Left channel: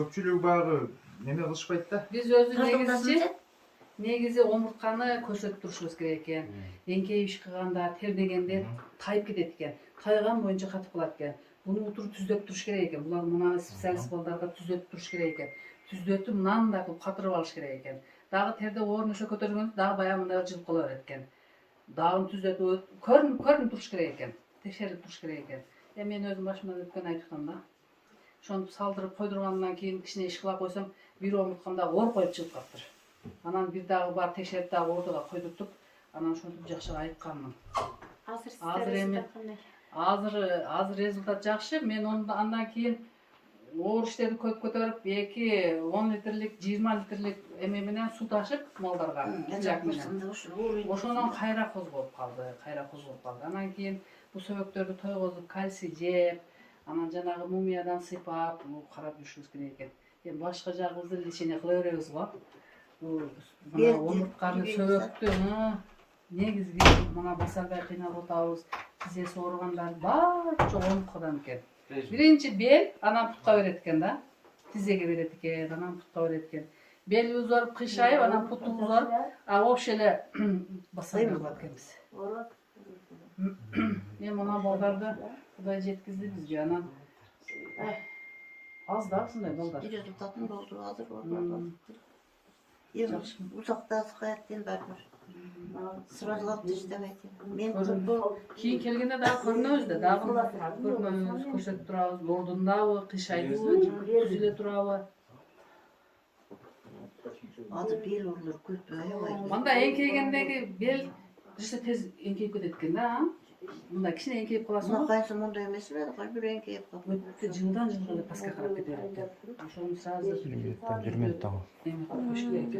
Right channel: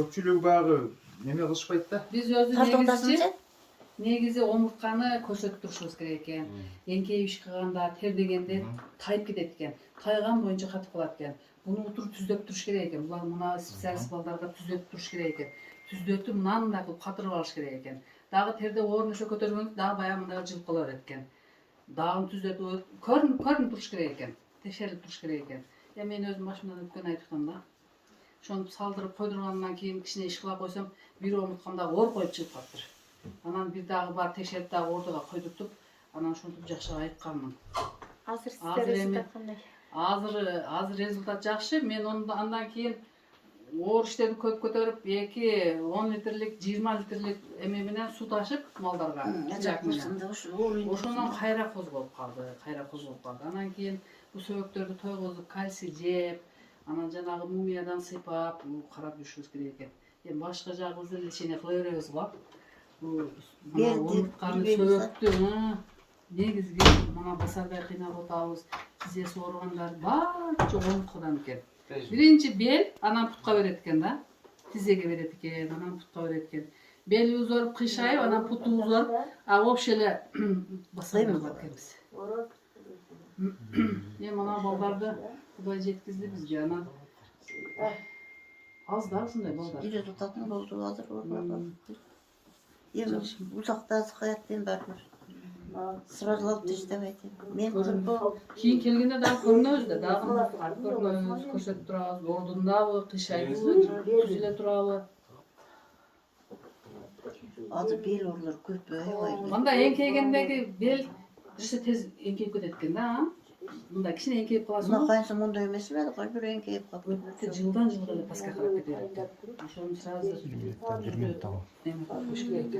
Көпчүлүгү багы неме кылышпайт да. Биз өзү негизи омуртканы көрсөтүп турушубуз керек экен. Эңкейип иш кылганда, тердегенде тайып кетет экен. Тайган боюнча катып калат экен. Буну утуруп түзөтүп туруш керек экен. Булар мына специалист балдарга түзөтүп туруш керек экен. Түзөтүп мынандай кылып катырып алыш керек экен. Дагы терде орнуша көтөргөндө дагы баягы мындай жылып кала берет экен. Дагы түзөтүп көрүнүп туруш керек экен. Текшерип туруш керек экен. Мен өзүм башымдан өткөн айтып атам да. Ошону салдырып койдургандан кийин кичине иш кыла койсом, бир омурткамда оор коюп чыгып калыптыр. Анан бир дагы бар текшерип дагы ордого койдуртуп, анан ошентип жакшы айтканмын. Азыр результат жакшы. Мен андан кийин оор иштерди көп көтөрүп, 2-10 литрлик, 20 литрлик эме менен суу ташып малдарга, чак менен. Ошондон кайра козголуп калды. Анан кийин бу сөбөктөрдү тойгозуп, кальций жеп, анан жанагы мумиядан сыйпап, карап жүрүшүбүз керек экен. Эми башка жагыбызды лечение кыла беребиз го. Мына омуртканы, сөбөктү, негизги мына басардай кыйнап атабыз. Тизеси ооругандар баары жок омурткадан экен. Биринчи бел, анан путка берет экен да. Тизеге берет экен, анан путка берет экен. Белибиз ооруп, кыйшайып, анан путубуз ооруп, вообще эле басардай кылат экенбиз. Эми мына балдарды Кудай жеткизди бизге, анан аз да ушундай балдар. Результатын болду азыр ордодо. Эми узакта сыкаят ден барбыр. Сразу алып иштебейт. Мен кийин келгенде дагы көрүнөбүз да, дагы көрүнөбүз, көрсөтүп турабыз, ордундабы, кыйшайдыбы, түзүлө турабы. Азыр бел оорулары көп аябай. Мында эңкейгендеги бел бирсе тез эңкейип кетет экен да. Мында кичине эңкейип каласың. Мына кайсы мондай эмес эле, кайбир эңкейип калып. Өтө жылдан жылга эле паска карап кете берет. Ошону сразу жүрмөйт да. Эме кылыш керек.